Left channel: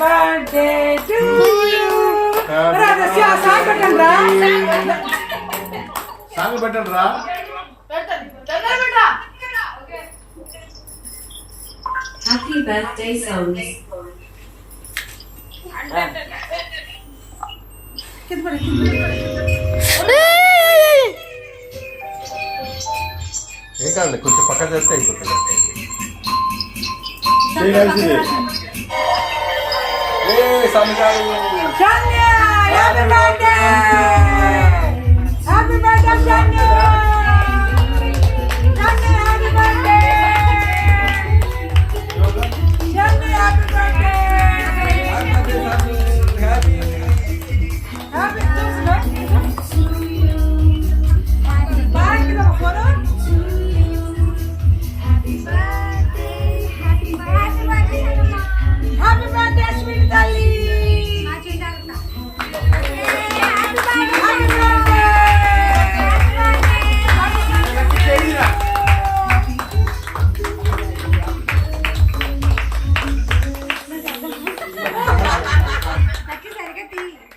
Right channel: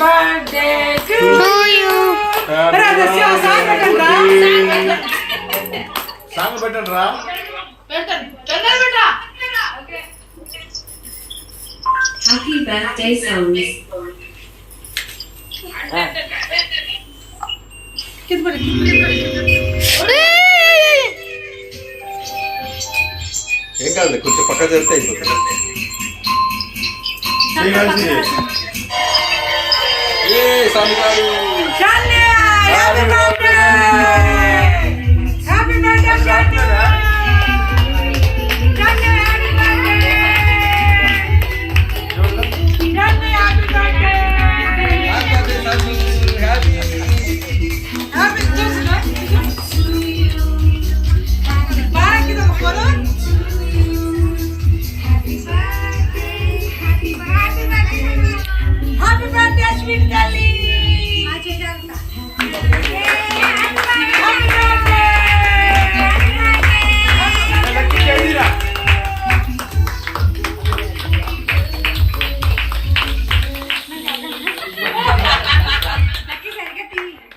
Birthday to you. Song పెట్టండి రా. Happy birthday songs. ఏం కాదు కొంచెం పక్క చేస్తే అయిపోతుంది.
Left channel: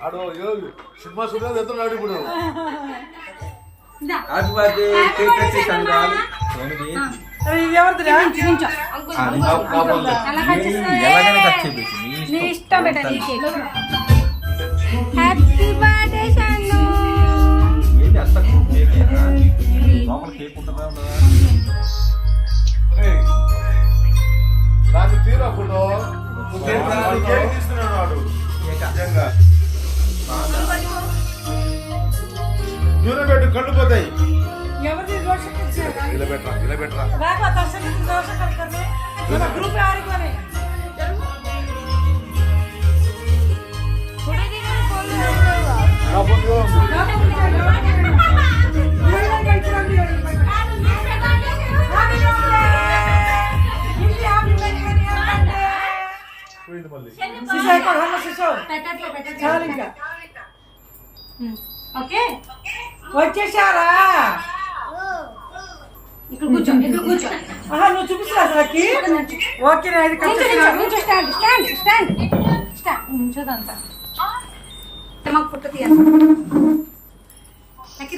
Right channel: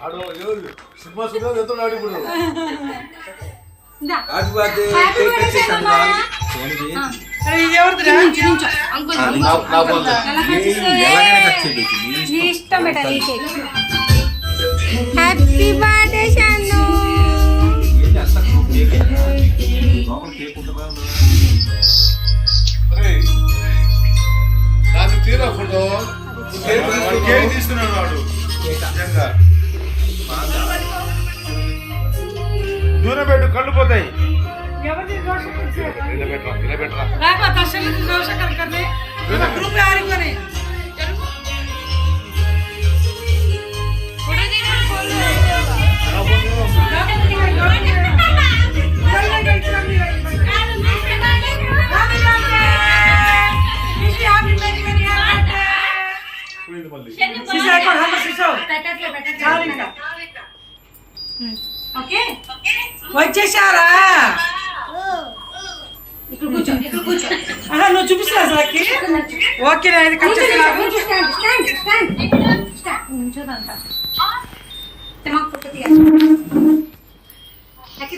ఆడు సినిమా చూడలేదు వెళ్తున్నాడు ఇప్పుడు. హ్యాపీ బర్త్డే షాను. నాకు తీరా ఫోటో కేక్ తీసుకున్నాడు వాడు. దూరం పెట్టు కళ్ళు పోతాయి. ఇలా పెట్టరా ఇలా పెట్టరా. ఓకే వచ్చేసారా? ఇక్కడ కూర్చో, ఇక్కడ కూర్చో. నువ్వు చూపిస్తున్నా అసలుకి. ఓకే మాకు ఫోటో తీయాలి.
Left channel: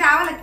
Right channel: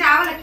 రావాలి.